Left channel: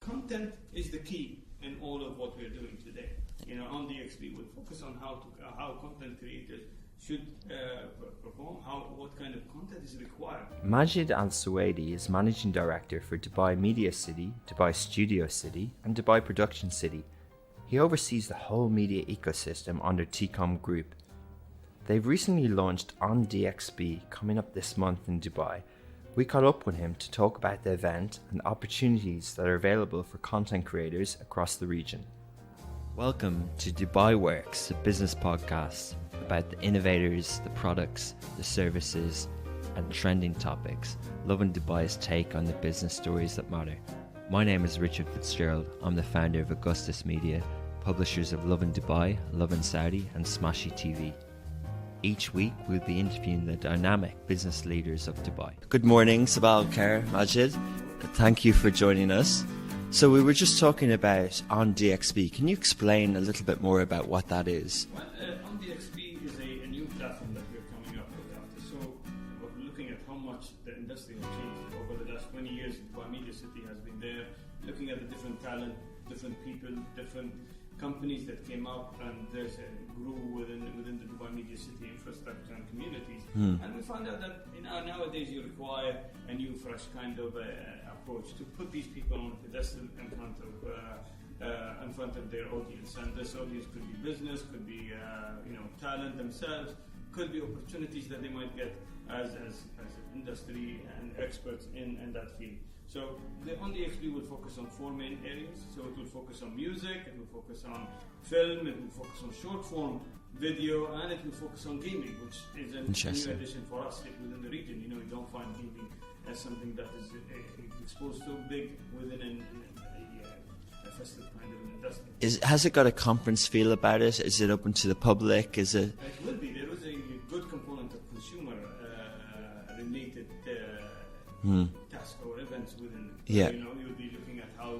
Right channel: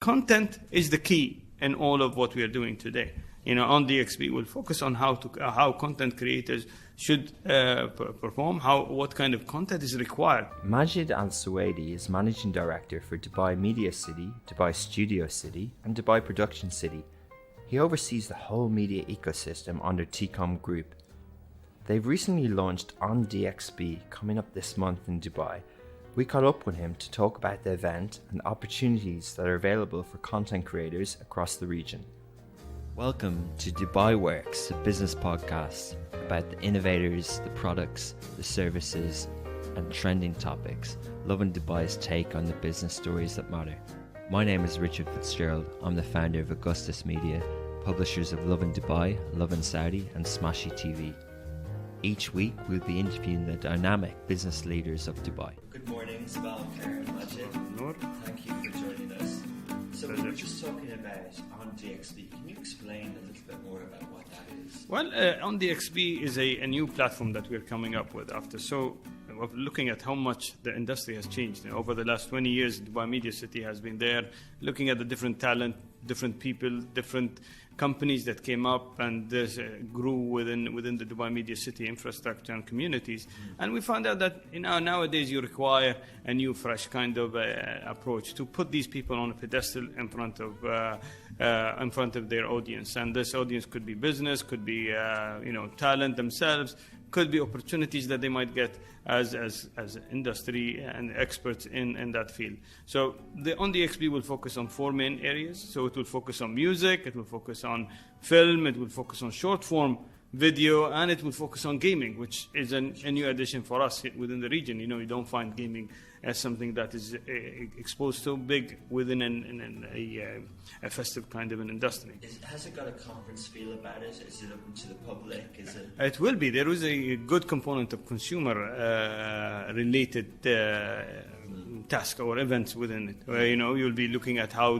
content is the key in all of what we are doing today. On DXB, we'll focus on how content creators should perform, what kind of content is required. Majid Al-Suwaidi is Managing Director for Dubai Media City, Dubai Studio City, and Dubai Production City. He oversees the whole media ecosystem under TCOM Group. They've recently launched on DXB coming up this month in Dubai. We caught up with him to talk about the event and opportunities that are available for content creators across the region. Welcome to Dubai Works, a business podcast about the innovators, the products, the services, and trending topics, loving Dubai's take on the business stories that matter. My name is Richard Fitzgerald. I'm the founder of Augustus Media, publishers of Lovin Dubai, Lovin Saudi, and Smashy TV. Each week, we'll be interviewing the dynamic business leaders of Dubai. Good morning, Sabah al-Khair, Majid. Thank you for joining us. So we were just talking about On DXB. Can you explain a little bit more about what that is? Well, On DXB is a new platform that we're coming up with after. So looking at how much the industry has changed. Over the last 20 years, Dubai Media City has been there, looking at the different talent, different people, different companies that came up and grew within the Dubai Media City infrastructure and communities. And we found out that nowadays you require a new, fresh kind of approach to put these people on a pedestal in front of their audience. And this audience could be business, could be talent themselves, could be opportunities that they might get as industry and experts in that field. So on DXB will focus on 4 main areas. So it will focus on music, it will focus on film, it will focus on short form video, and it will focus on gaming, which is a new addition for us within the region. You don't find gaming as something that is exposed so big within a festive kind of an industry. Has it got a conference feel about it? Is it open to the public? It will be. There is a good component of consumer related task or events within it. Yeah. You'll be looking at how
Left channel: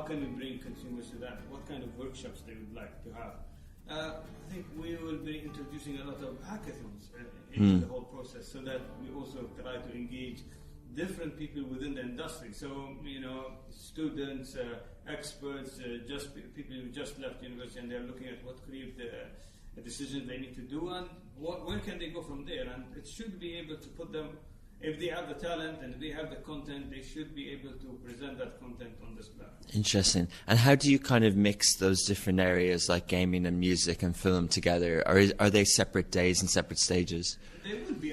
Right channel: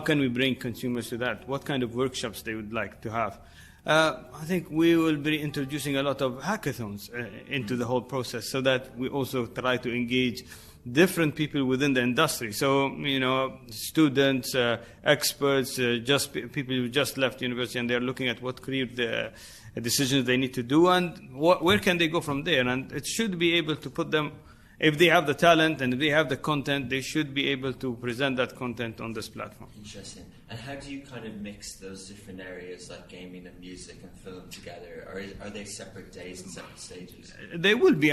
can we bring consumers to that? What kind of workshops they would like to have? I think we will be introducing a lot of hackathons into the whole process, so that we also try to engage different people within the industry. So, students, experts, just people who just left university and they're looking at what career decisions they need to do and where can they go from there. And it should be able to put them, if they have the talent and if they have the content, they should be able to present that content on this platform. Interesting. And how do you kind of mix those different areas like gaming and music and film together? Or are they separate days and separate stages? They will be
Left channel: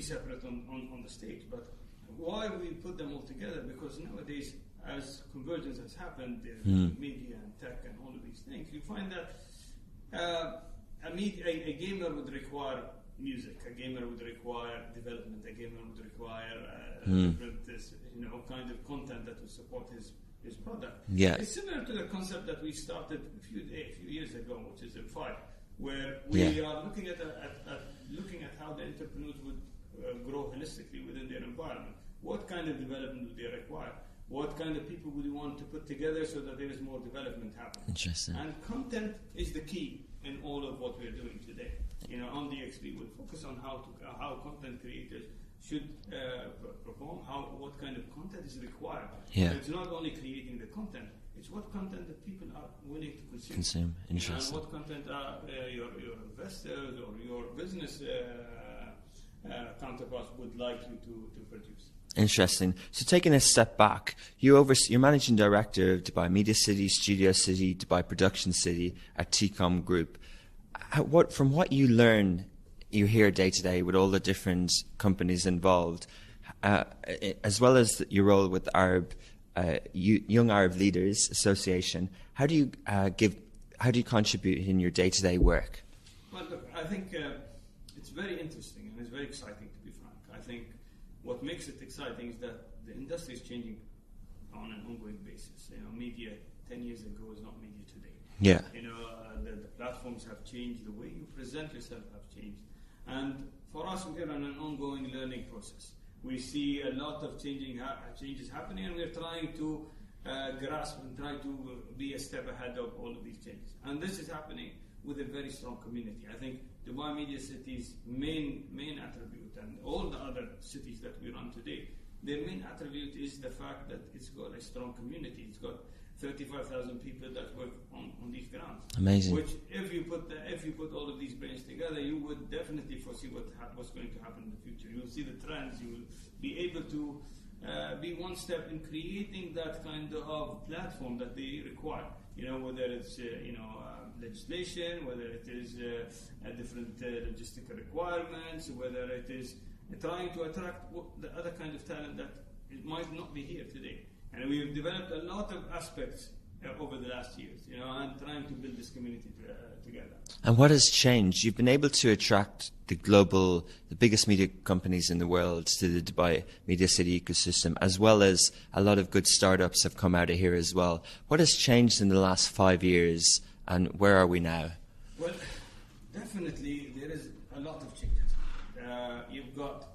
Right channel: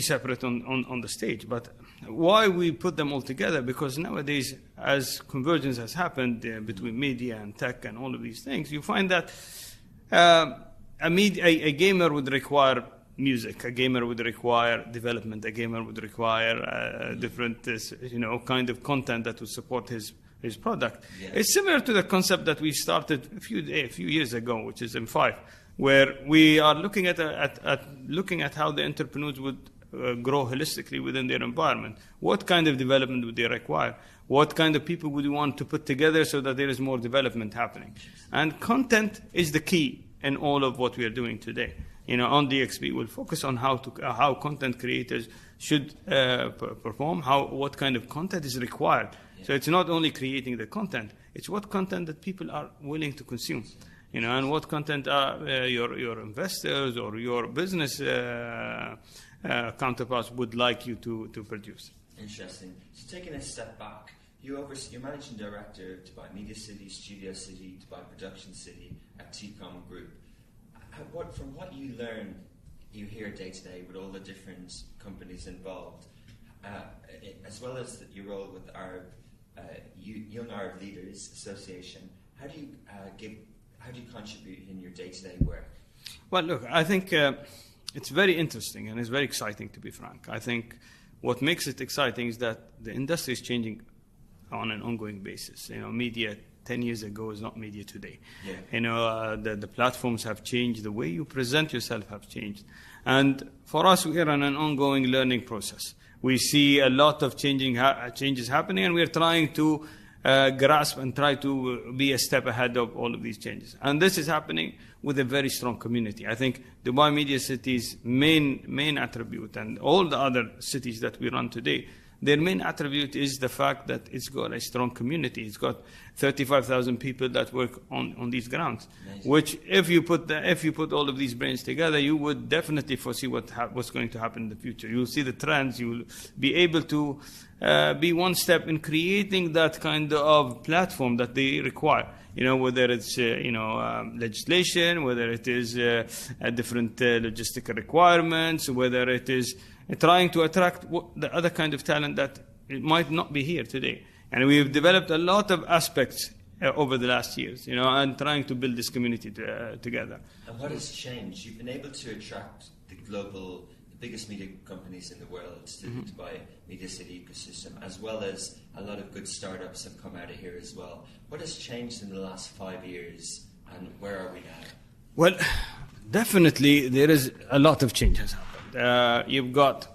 separate on the stage. But why we put them all together? Because nowadays, as convergence has happened between media and tech and all of these things, you find that a gamer would require music, a gamer would require development, a gamer would require different kind of content that would support his product. Yeah. It's similar to the concept that we started a few years ago, which is M5, where we are looking at how the entrepreneurs would grow holistically within their environment. What kind of development would they require? What kind of people would you want to put together so that there is more development happening? And content is the key in all of what we are doing today. On DXB, we'll focus on how content creators should perform, what kind of content is required. Yeah. So it's not only creating the content, it's what content that people are willing to consume. And what content your investors or your business counterparts would like you to produce. Interesting. So taking a step back, you're Managing Director of Dubai Media City, Studio City, Dubai Production City at TCOM Group. From what you learn, you hear day to day with all the different companies involved, as well as your role with Arab, Young Arab Leaders Association, how do you contribute in your day to day work? Well, look, I think it's very interesting and it's very exciting, to be frank. I think what makes it exciting is that the industry is changing on an ongoing basis. Media 10 years ago is not media today. Yeah. The platforms have changed, the way you present yourself have changed. And for us, we are on an ongoing learning process. We see a lot of changes happening, and we're trying to grasp and try to be a step ahead of all of these changes. And this is happening with a very strong community. I think Dubai Media City's main attribute, and all the other cities that we run today, their main attribute is the fact that it's got a strong community. It's got 35,000 people that work on these grounds. Amazing. Which, if you put all of these brains together, you would definitely foresee what's going to happen in the future. You'll see the trends. You will be able to be one step in creating that kind of platform that they require. Whether it's legislation, whether it is different logistical requirements, whether it is trying to attract the other kind of talent that it might not be here today. And we've developed a lot of aspects over the last years, and trying to build this community together. And what has changed? You've been able to attract the biggest media companies in the world to the Dubai Media City ecosystem, as well as a lot of good startups have come out of here as well. What has changed in the last 5 years, and where are we now? Well, definitely there is a lot of change has happened. You've got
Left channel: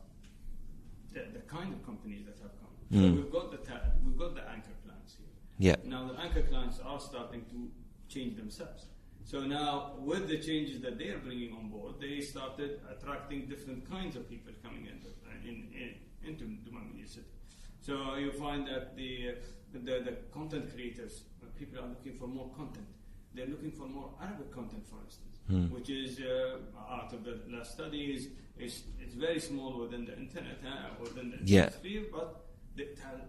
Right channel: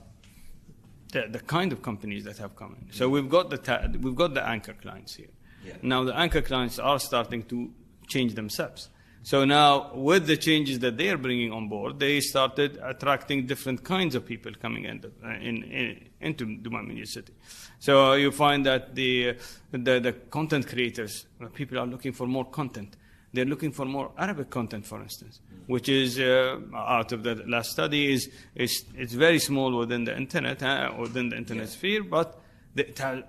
the kind of companies that have come in. So we've got the anchor clients here. Yeah. Now the anchor clients are starting to change themselves. So now, with the changes that they are bringing on board, they started attracting different kinds of people coming into Dubai Media City. So you find that the content creators, people are looking for more content. They're looking for more Arabic content, for instance, which is out of the last study it's very small within the internet sphere, but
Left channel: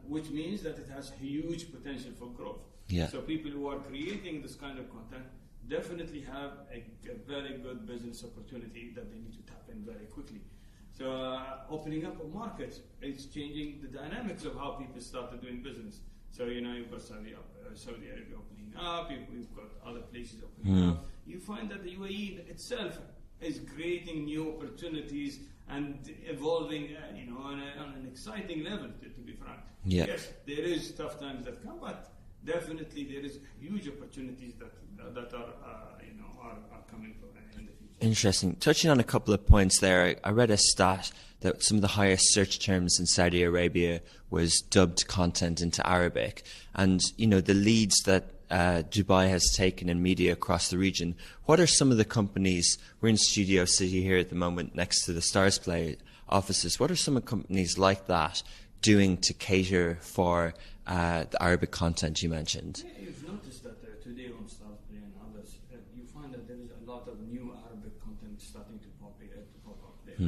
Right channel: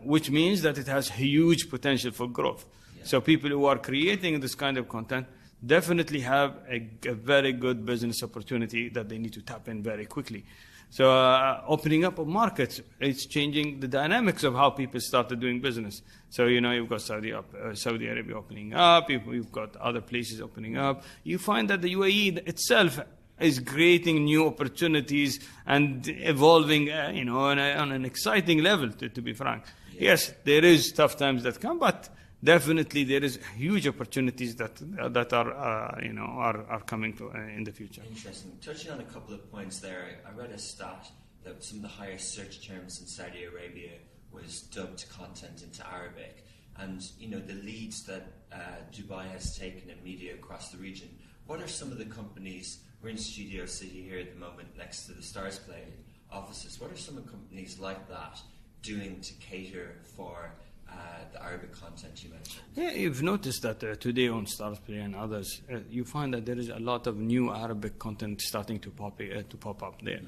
which means that it has huge potential for growth. Yeah. So people who are creating this kind of content definitely have a very good business opportunity that they need to tap in very quickly. So opening up of markets, it's changing the dynamics of how people started doing business. So, you've got Saudi Arabia opening up, you've got other places opening up. You find that the UAE itself is creating new opportunities and evolving, on an exciting level, to be frank. Yeah. Yes, there is tough times that come, but definitely there is huge opportunities that are coming in the future. Interesting. Touching on a couple of points there, I read a stat that some of the highest search terms in Saudi Arabia was dubbed content into Arabic. And, the leads that Dubai has taken in media across the region, what are some of the companies, we're in Studio City here at the moment next to the Stars Play offices, what are some of the companies like that doing to cater for the Arabic content you mentioned? Yeah, you've noticed that today on Stars Play and others, you find that there is a lot of new Arabic content starting to pop up there.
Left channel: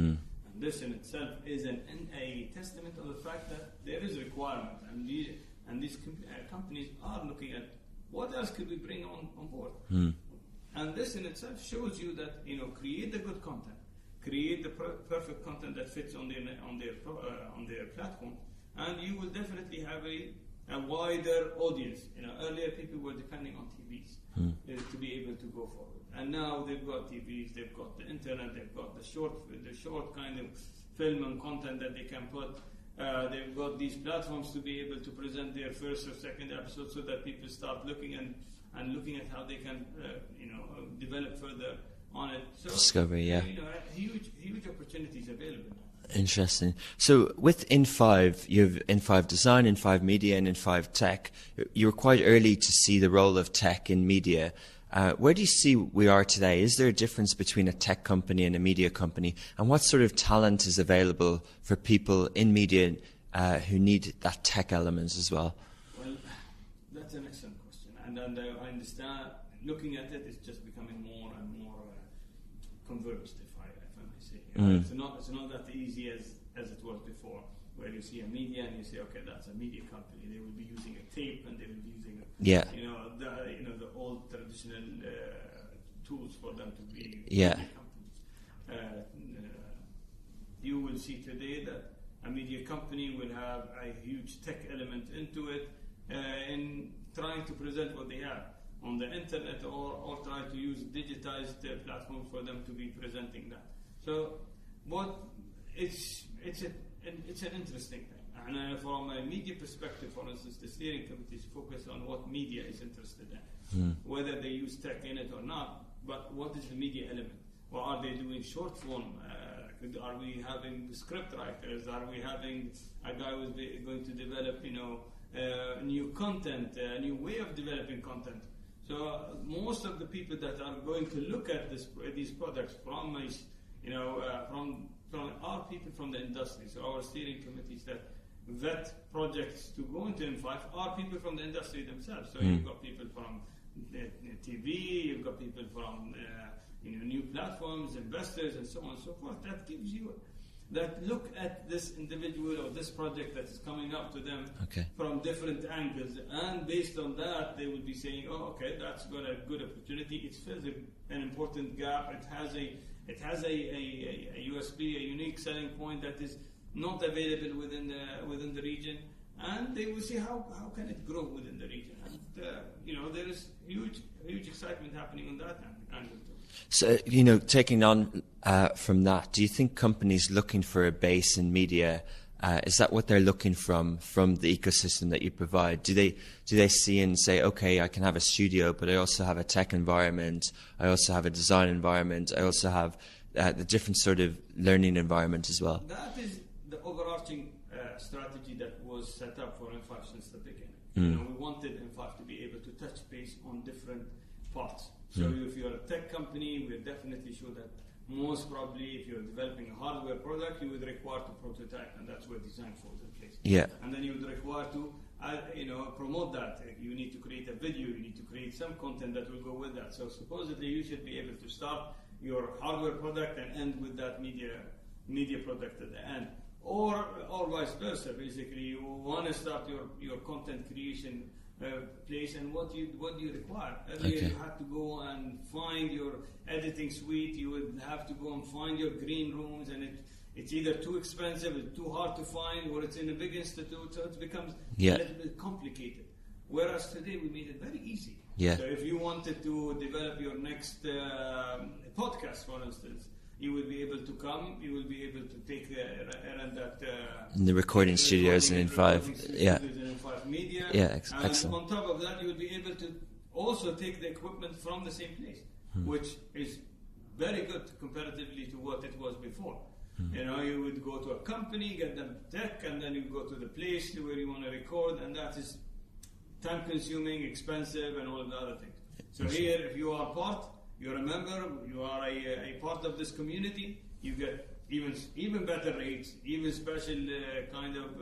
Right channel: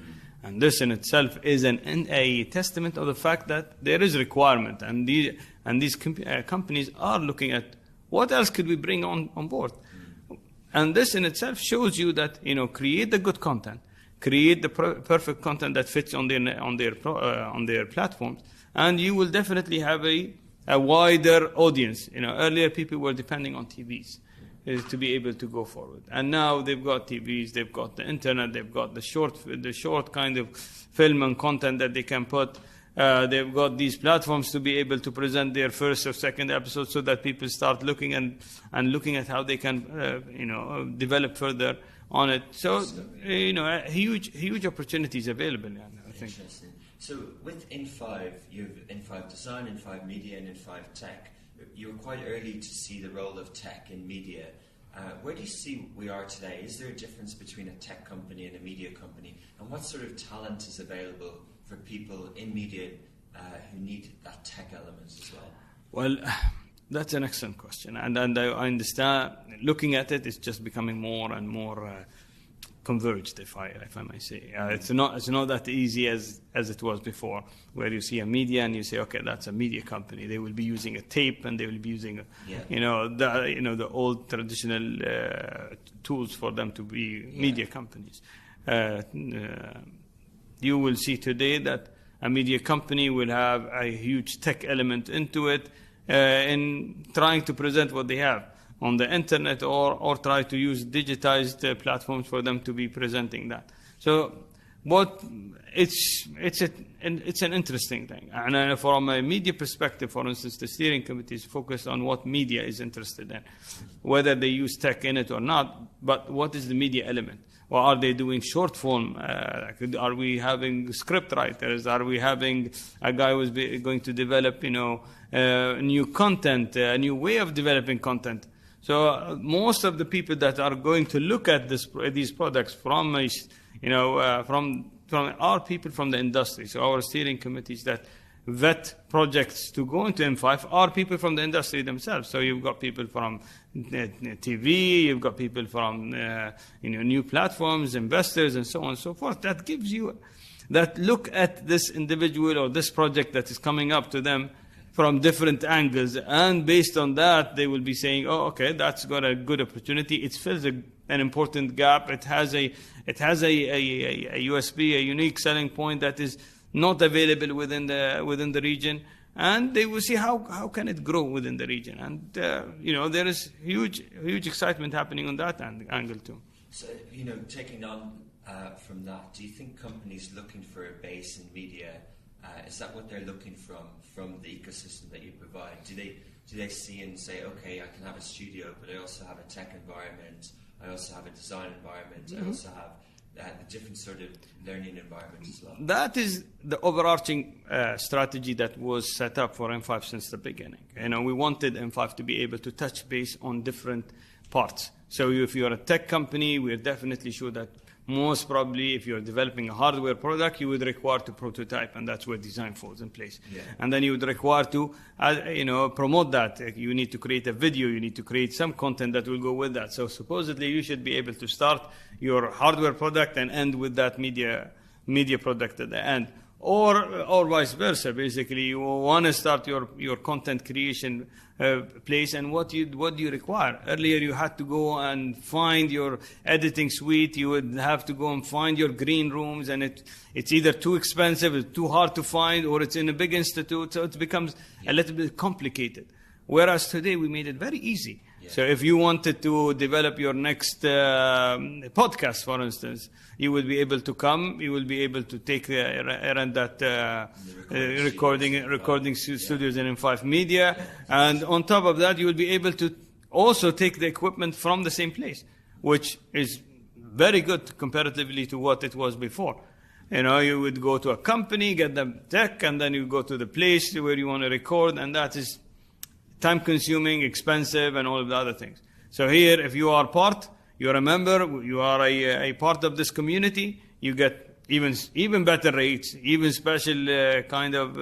And this in itself is a testament of the fact that there is requirement, and these companies are looking at what else could we bring on board. And this in itself shows you that, create the good content, create the perfect content that fits on their platforms, and you will definitely have a wider audience. Earlier people were depending on TVs to be able to go forward, and now they've got TVs, they've got the internet, they've got the short kind of film and content that they can put. They've got these platforms to be able to present their first or second episode, so that people start looking and looking at how they can develop further on it. So Discovery, huge opportunities available. Interesting. So with In5, you have In5 Design, In5 Media, and In5 Tech. You were quite early to see the role of tech in media. Where do you see we are today? Is there a difference between a tech company and a media company? And what sort of talent is available for people in media who need that tech element as well? Well, that's an excellent question. And I understand, looking at it, it's just becoming more and more converged, if I may say. It's not that easy as it was before, where you see a media and you say, okay, that's a media company. They will be using a tape, and they will be using the old traditional tools for them to be media companies. You will see today that a media company will have a huge tech element into it in trying to present what they have on the internet, or try to use digitized platforms for them to be presenting that. So it's an interesting thing. And from a media perspective, for instance, the steering committee is focused on what media is interested in, whether they use tech in it or not, but what is the media element? Or are they doing short form? Are we having script writers? Are we having a guy who's going to develop, new content, a new way of developing content? So most of the people that are going to look at these products from are people from the industry. So our steering committees that vet projects to go into M5 are people from the industry themselves. So you've got people from TV, you've got people from new platforms, investors, and so on and so forth. That gives you that look at this individual or this project that is coming up to them from different angles, and based on that, they will be saying, "Oh, okay, that's got a good opportunity. It fills an important gap. It has a USP, a unique selling point that is not available within the region." And they will see how can it grow within the region, and there is huge excitement happening on that angle too. So taking on from that, do you think companies looking for a base in media, is that what they're looking from the ecosystem that you provide? Do they see and say, okay, I can have a studio, but I also have a tech environment, I also have a design environment, I also have the different sort of learning environment as well? That is the overarching strategy that was set up for M5 since the beginning. We wanted M5 to be able to touch base on different parts. So if you're a tech company, we're definitely sure that most probably if you're developing a hardware product, you would require to prototype, and that's where design falls in place. Yeah. And then you would require to promote that. You need to create a video, you need to create some content that will go with that. So supposedly you should be able to start your hardware product and end with that media product at the end. Or vice versa. Basically, you want to start your content creation place, and what do you require? Earlier, you had to go and find your editing suite. You would have to go and find your green rooms, and it's either too expensive, it's too hard to find, or it's in a big institute, so it becomes a little bit complicated. Whereas today, we made it very easy. Yeah. So if you wanted to develop your next podcast, for instance, you will be able to come. You will be able to take rent that the recording studios in M5 Media, and excellent. On top of that, you will be able to also take the equipment from the same place, which is very good comparatively to what it was before. You would go to a company, get the tech, and then you go to the place where you want to record, and that is time-consuming, expensive, and all of the other things. So here, if you are you're a member, you are a part of this community, you get even better rates, even special kind of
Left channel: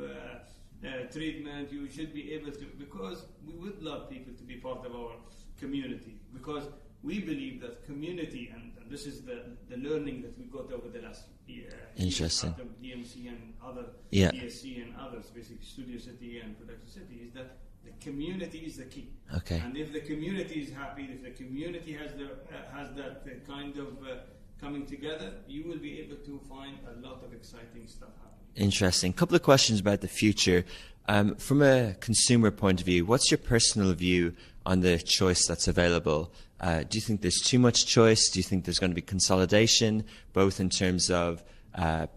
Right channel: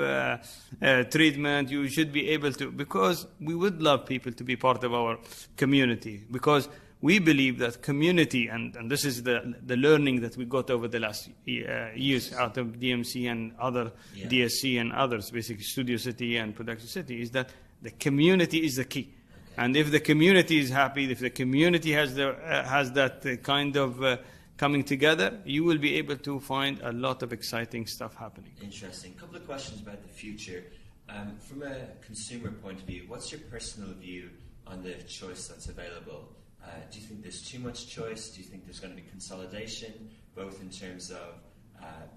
treatment. You should be able to, because we would love people to be part of our community, because we believe that community, and this is the learning that we got over the last years out of DMC and other DSC and others, basically Studio City and Production City, is that the community is the key. Okay. And if the community is happy, if the community has that kind of coming together, you will be able to find a lot of exciting stuff happening. Interesting. A couple of questions about the future. From a consumer point of view, what's your personal view on the choice that's available? Do you think there's too much choice? Do you think there's going to be consolidation, both in terms of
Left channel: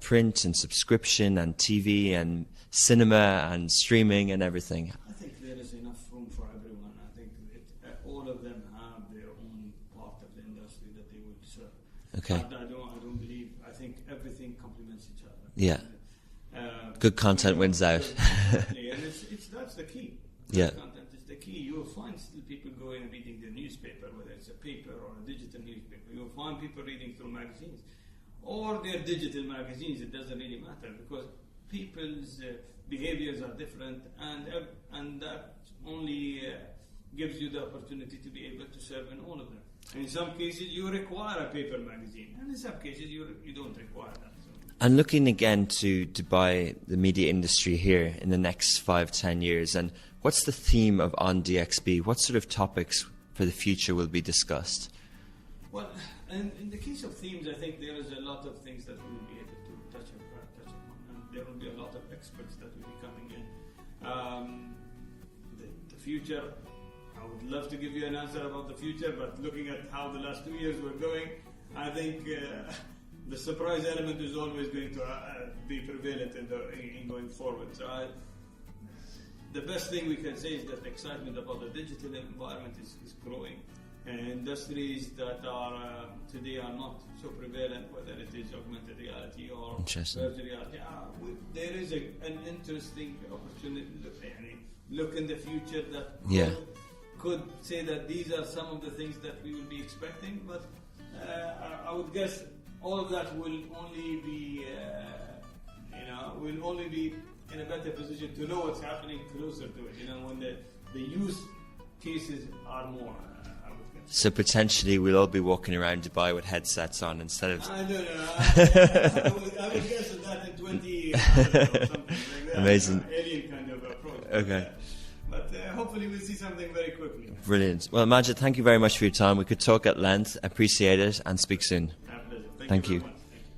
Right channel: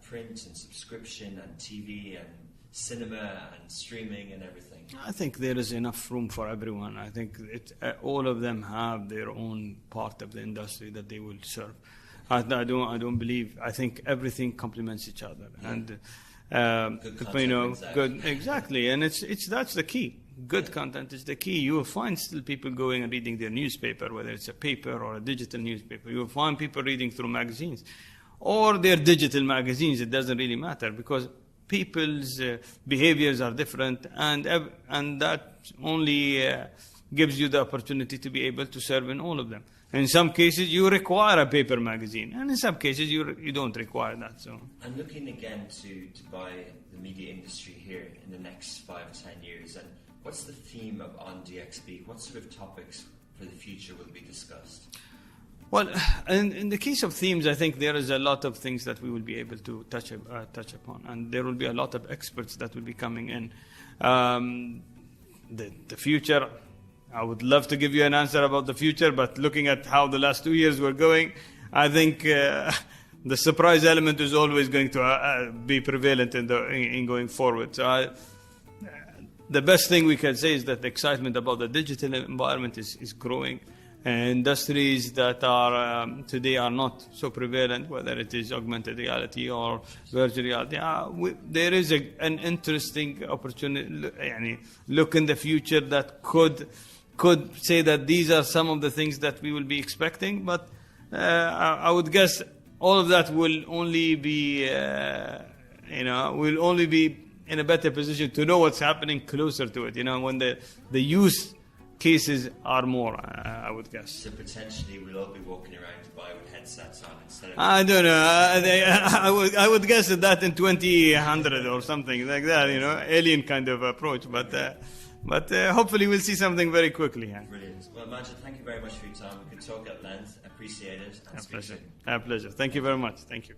print and subscription and TV and cinema and streaming and everything? I think there is enough room for everyone. I think all of them have their own part of the industry that they will serve. Okay. I don't believe. I think everything complements each other. Yeah. And, good content wins out. Exactly, and that's the key. Good content is the key. You will find still people going and reading their newspaper, whether it's a paper or a digital newspaper. You will find people reading through magazines or their digital magazines. It doesn't really matter, because people's behaviors are different, and that only gives you the opportunity to be able to serve in all of them. In some cases, you require a paper magazine, and in some cases, you don't require that. So, and looking again to Dubai, the media industry here in the next 5-10 years, and what's the theme of On DXB? What sort of topics for the future will be discussed? Well, in the case of themes, I think there is a lot of things that we will be able to touch upon, and there will be a lot of experts that will be coming in. The future, I would love to give you an answer about the future, but looking at how the last 2 years were going, I think the surprise element is always going to be prevalent in going forward. So the best thing we can say is that the excitement about the digital environment is growing. Industries that are today are not so prevalent, whether it is augmented reality or virtual reality, there is an interesting opportunity. Look in the future that could say that these are some of the things that we will be expecting, but I would guess all of that will only be in a better position to know what's happening closer to it. You know, when the use cases are more, I would guess. So potentially we'll all be walking around Dubai with headsets on instead of... I don't know. I would guess that in 2000 or something like that. Amazing. You know, alien kind of approach. But, okay. But hopefully we'll see something very quickly. Yeah. Brilliant. Well, Majid, thank you very much for your time. We could talk at length. Appreciate it and speak soon. A pleasure. Thank you very much. Thank you.